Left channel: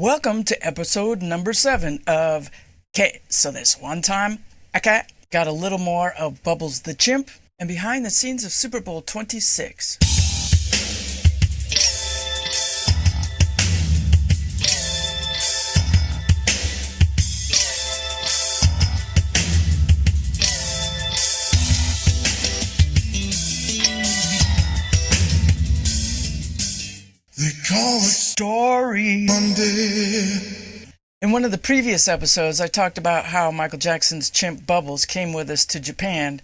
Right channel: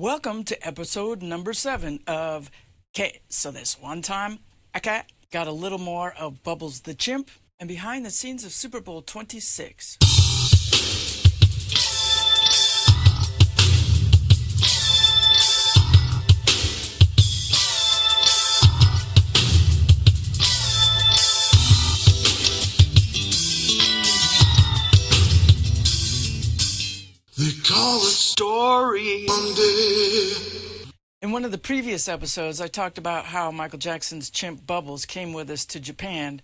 Welcome to episode number 7 of So This One Time a Cat got a little more of Bubbles the Chimp and behind the scenes of Super Bowl XXVI. They call it Story Monday. In one of the previous episodes, I talked about how Michael Jackson's chimp Bubbles came with us to Japan,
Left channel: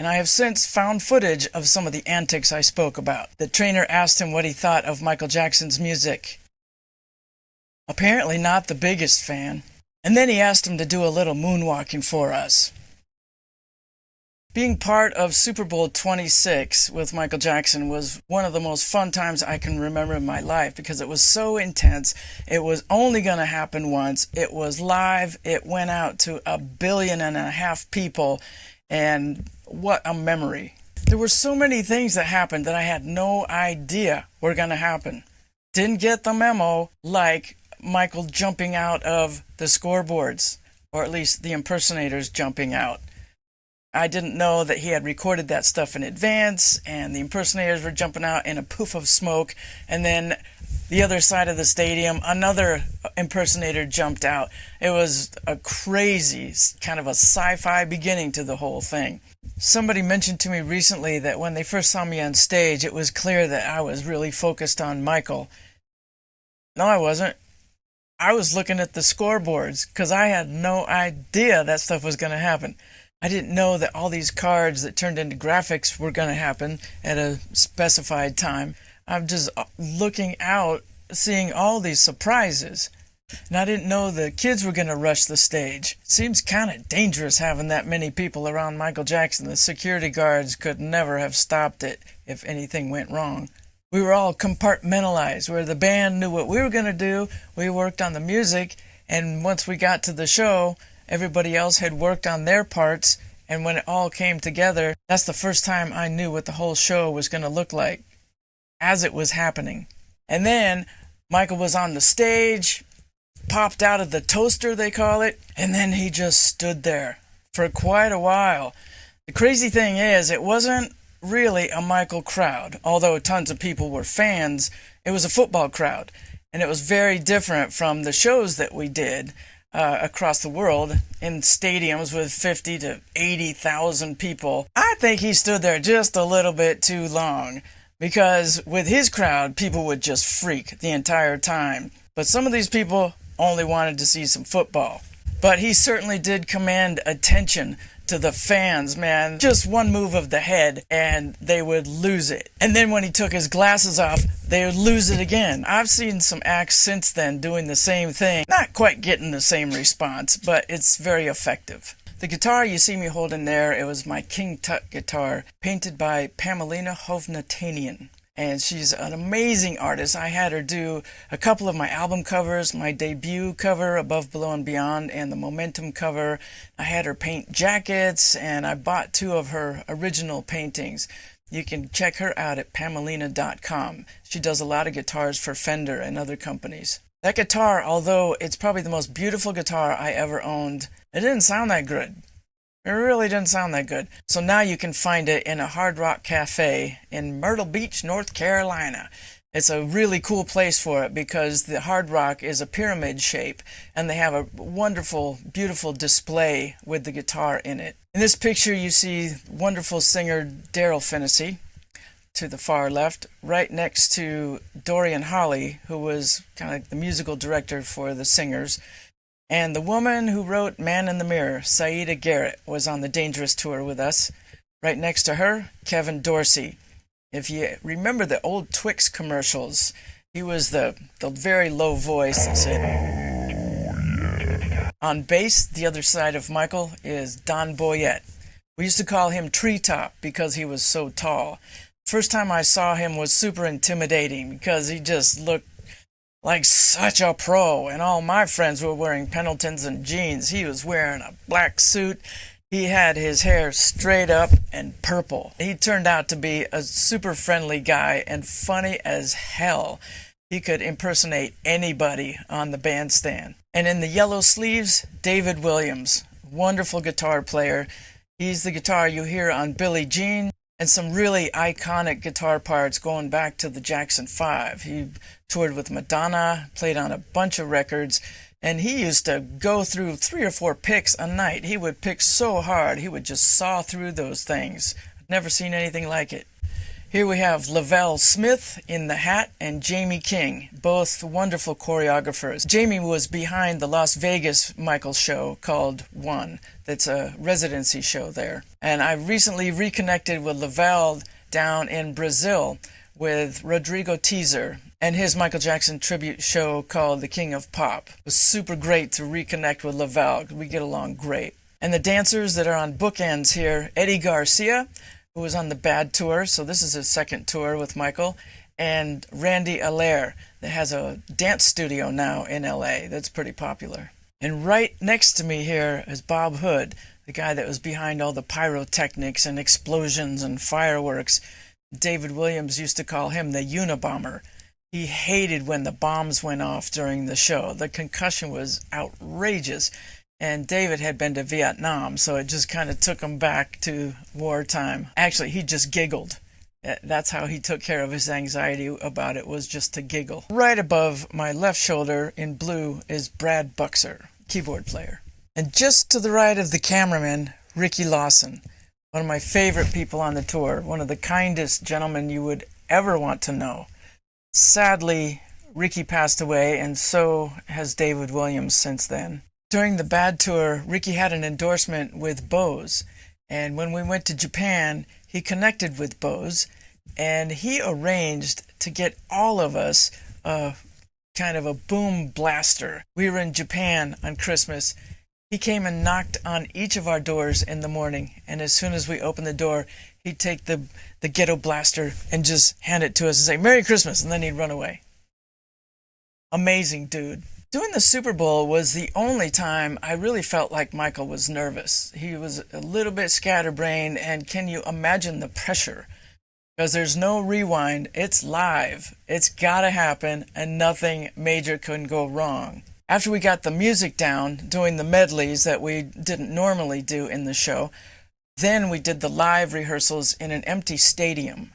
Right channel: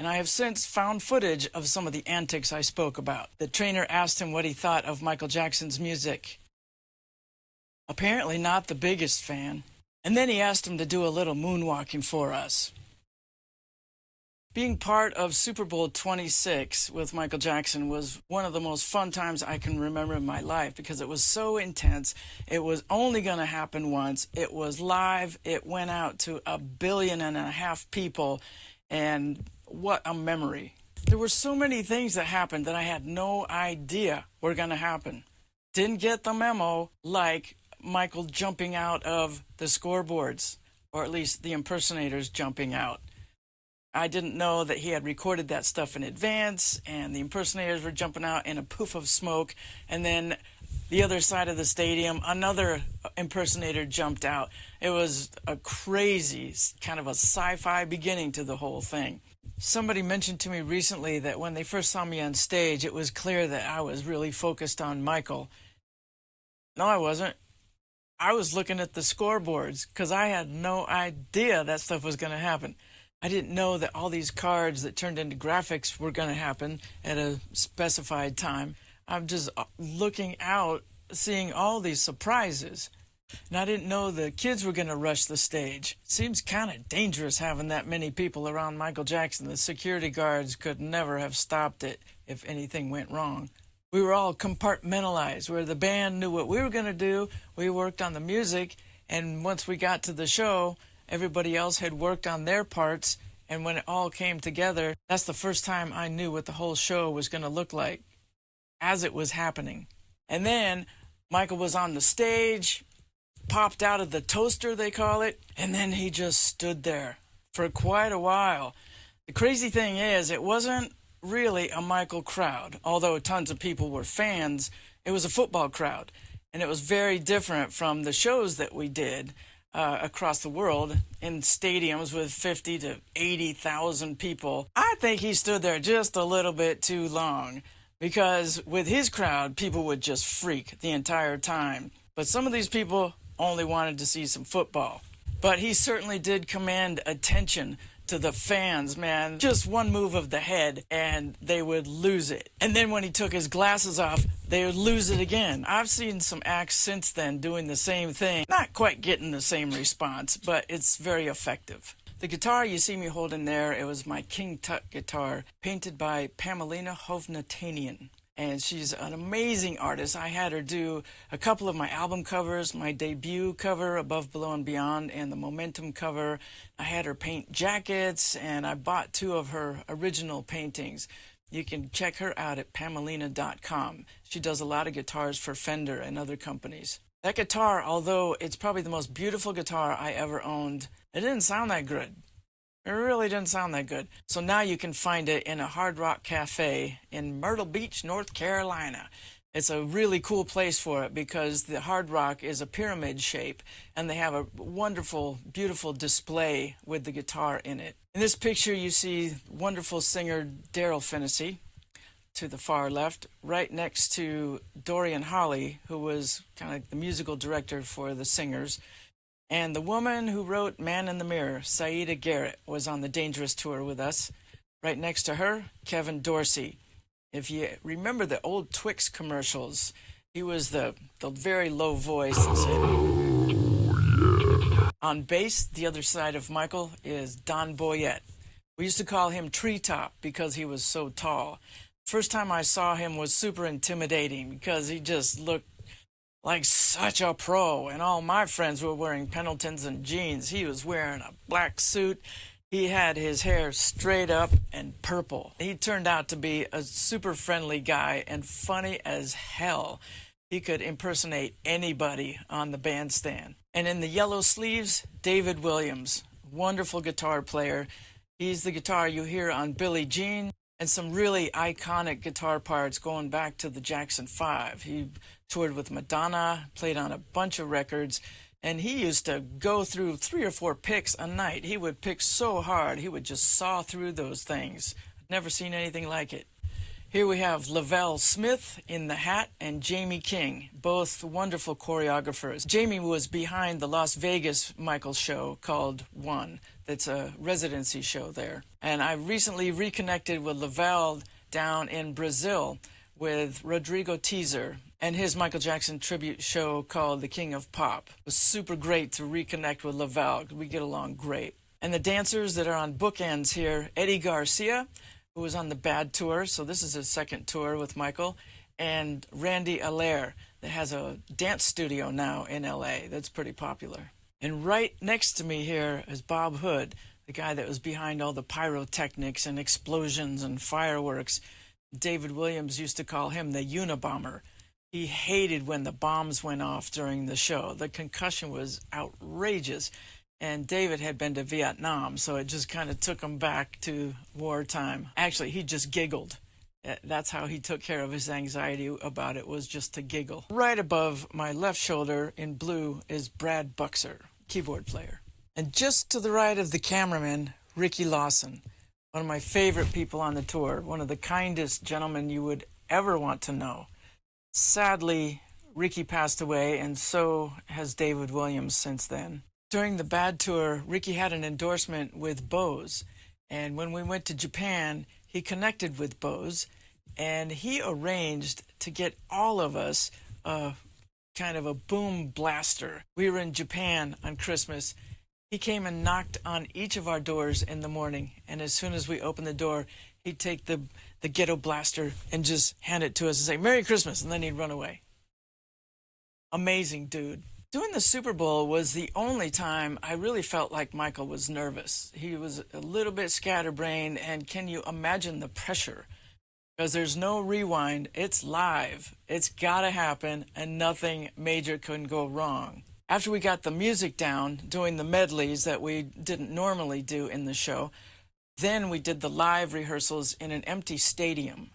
and I have since found footage of some of the antics I spoke about. The trainer asked him what he thought of Michael Jackson's music. Apparently not the biggest fan. And then he asked him to do a little moonwalking for us. Being part of Super Bowl XXVI with Michael Jackson was one of the most fun times I can remember in my life because it was so intense. It was only going to happen once. It was live. It went out to 1.5 billion people, and what a memory. There were so many things that happened that I had no idea were going to happen. Didn't get the memo, like Michael jumping out of the scoreboards, or at least the impersonators jumping out. I didn't know that he had recorded that stuff in advance, and the impersonators were jumping out in a poof of smoke, and then the other side of the stadium, another impersonator jumped out. It was a crazy, kind of a sci-fi beginning to the whole thing. Somebody mentioned to me recently that when they first saw me on stage, it was clear that I was really focused on Michael. No, I wasn't. I was looking at the scoreboards because I had no idea that stuff was going to happen. I didn't know that all these cards that turned into graphics were going to happen at a specified time. I'm just looking out, seeing all these surprises. And I didn't know the kids were going to rush the stage. It seems kind of dangerous having that many people around Michael Jackson. The security guards could never have stopped it if anything went wrong. We were all compartmentalized, where the band knew what we were going to do. We worked on the music, and once we got to the show, everybody else had worked on their parts, and when it all came together, that's the first time I knew what the whole show was going to look like as it was happening. And then Michael was on the stage, popped out of the toaster, they call it, and then he just stood there for quite a while. The crazy thing is, it wasn't really a Michael crowd. Although tons of people were fans, it was a football crowd, and it was very different from the shows that we did across the world in stadiums with 50 to 80,000 people. I think he stood there just a little bit too long because with his crowd, people would just freak the entire time. But some of these people only wanted to see some football. But he certainly did command attention to the fans, man. Just one move of the head and they would lose it. And then when he took his glasses off, they would lose it again. I've seen some acts since then doing the same thing. Not quite getting the same response, but it's very effective. The guitar you see me holding there, it was my King Tut guitar, painted by Pamelina Hovnatanian. And she's an amazing artist. I had her do a couple of my album covers, my debut cover, Above, Below, and Beyond, and the Momentum cover. I had her paint jackets, and I bought 2 of her original paintings. You can check her out at pamelina.com. She does a lot of guitars for Fender and other companies. That guitar, although it's probably the most beautiful guitar I ever owned, it didn't sound that good. It really didn't sound that good. So now you can find it in a Hard Rock Cafe in Myrtle Beach, North Carolina. It's a really cool place for it because the Hard Rock is a pyramid shape and they have a wonderful, beautiful display with the guitar in it. In this picture you see wonderful singer Daryl Finnessy to the far left, right next to Dorian Holley, who was kind of the musical director for the Singers. And the woman who wrote Man in the Mirror, Saida Garrett, was on the Dangerous Tour with us. Right next to her, Kevin Dorsey. If you remember the old Twix commercials, he was the very low voice that said, "Oh, yeah." On bass, the other side of Michael, is Don Boyett. We used to call him Treetop because he was so tall. First time I saw him was super intimidating because he just looked like such a pro, and all my friends were wearing Pendletons and jeans. He was wearing a black suit. He had his hair straight up and purple. He turned out to be a super friendly guy and funny as hell. He could impersonate anybody on the bandstand. And in the yellow sleeves, David Williams, wonderful guitar player. He's the guitar you hear on Billie Jean and some really iconic guitar parts going back to the Jackson 5. He toured with Madonna, played on a bunch of records, and he used to go through 3 or 4 picks a night. He would pick so hard, he would just saw through those things. I've never seen anything like it. Here we have Lavelle Smith in the hat and Jamie King, both wonderful choreographers. Jamie was behind the Las Vegas Michael show called One. That's a residency show there. And I recently reconnected with Lavelle down in Brazil with Rodrigo Teaser and his Michael Jackson tribute show called The King of Pop. It was super great to reconnect with Lavelle. We get along great. And the dancers that are on bookends here, Eddie Garcia, who was on the Bad Tour, so this is his second tour with Michael, and Randy Allaire, that has a dance studio now in LA that's pretty popular. And right next to me here is Bob Hood, the guy that was behind all the pyrotechnics and explosions and fireworks. David Williams used to call him the Unabomber. He hated when the bombs went off during the show. The concussion was outrageous. And David had been to Vietnam, so it just kind of took him back to wartime. Actually, he just giggled. That's how he took care of his anxiety about it, was just to giggle. Right above my left shoulder in blue is Brad Buxer, keyboard player. And just to the right of the cameraman, Ricky Lawson, one of my favorite people on the tour, one of the kindest gentlemen you would ever want to know. Sadly, Ricky passed away, and so has David Williams since then. During the Bad Tour, Ricky had an endorsement with Bose, and when we went to Japan, he connected with Bose, and he arranged to get all of us kind of a boom blaster. We were in Japan on Christmas. He came and knocked on each of our doors in the morning, and as soon as we opened the door, he'd take the ghetto blaster and just hand it to us and say, "Merry Christmas," and then he'd run away. Amazing dude. Doing the Super Bowl was the only time I really felt like Michael was nervous. He was a little bit scatterbrained, and can you imagine the pressure? Because there's no rewind. It's live. It's got to happen, and nothing major can go wrong. After we got the music down, doing the medleys that we didn't normally do in the show, then we did the live rehearsals in an empty stadium.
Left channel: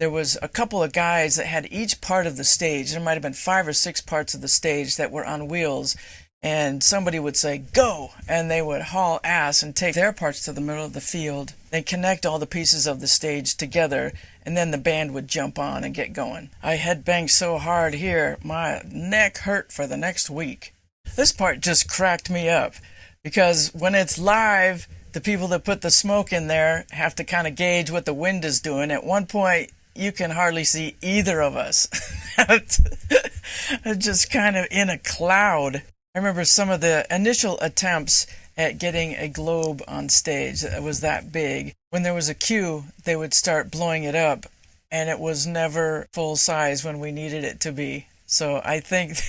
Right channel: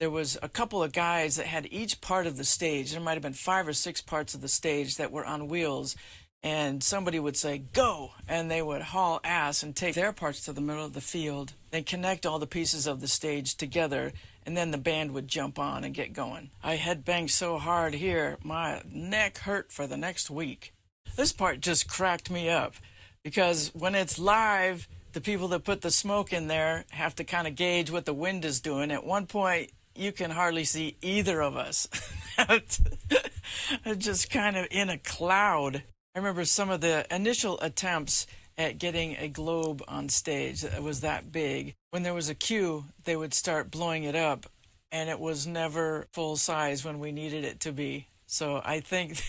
There was a couple of guys that had each part of the stage. There might have been 5 or 6 parts of the stage that were on wheels, and somebody would say, "Go!" and they would haul ass and take their parts to the middle of the field. They'd connect all the pieces of the stage together, and then the band would jump on and get going. I headbanged so hard here, my neck hurt for the next week. This part just cracked me up, because when it's live, the people that put the smoke in there have to kind of gauge what the wind is doing. At one point, you can hardly see either of us. Just kind of in a cloud. I remember some of the initial attempts at getting a globe on stage. It was that big. When there was a cue, they would start blowing it up, and it was never full size when we needed it to be. So I think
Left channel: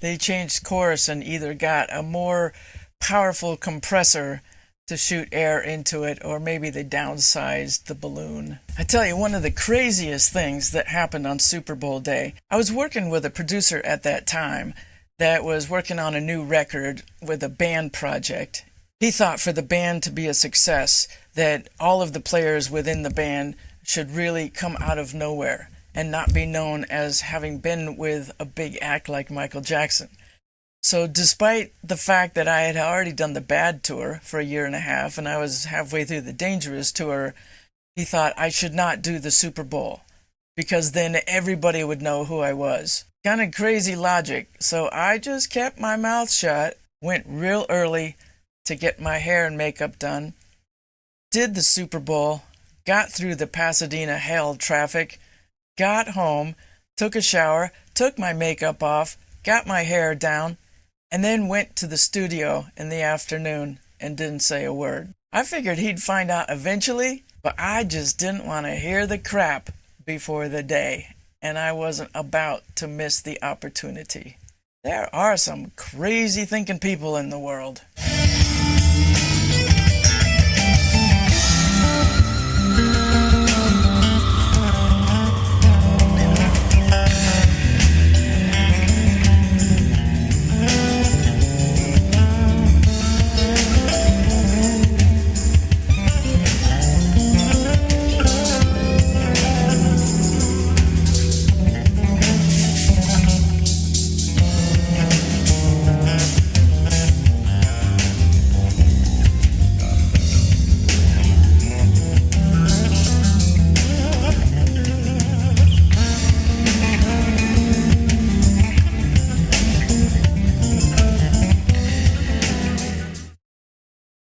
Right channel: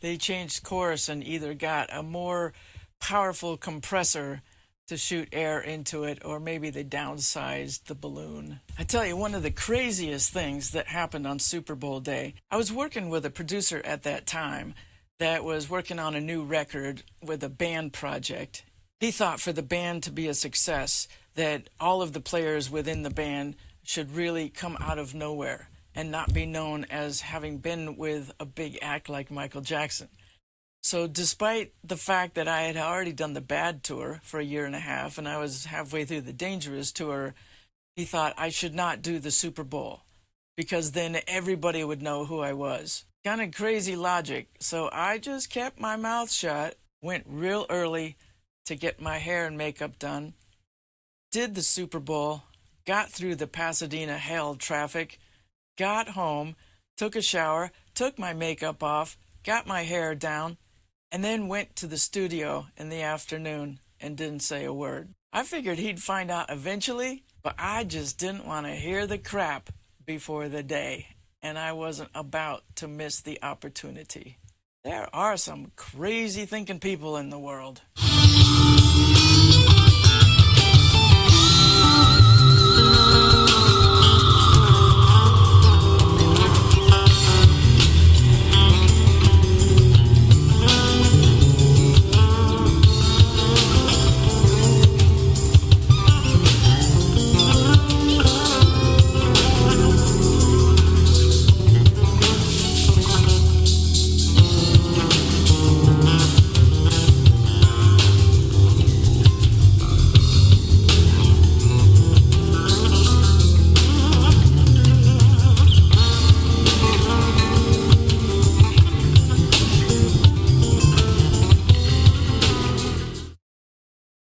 they changed course and either got a more powerful compressor to shoot air into it, or maybe they downsized the balloon. I tell you, one of the craziest things that happened on Super Bowl day, I was working with a producer at that time that was working on a new record with a band project. He thought for the band to be a success, that all of the players within the band should really come out of nowhere and not be known as having been with a big act like Michael Jackson. So despite the fact that I had already done the Bad Tour for a year and a half, and I was halfway through the Dangerous Tour, he thought I should not do the Super Bowl, because then everybody would know who I was. Kind of crazy logic. So I just kept my mouth shut, went real early to get my hair and makeup done, did the Super Bowl, got through the Pasadena hell traffic, got home, took a shower, took my makeup off, got my hair down, and then went to the studio in the afternoon and didn't say a word. I figured he'd find out eventually, but I just didn't want to hear the crap before the day, and I wasn't about to miss the opportunity. There are some crazy thinking people in the world.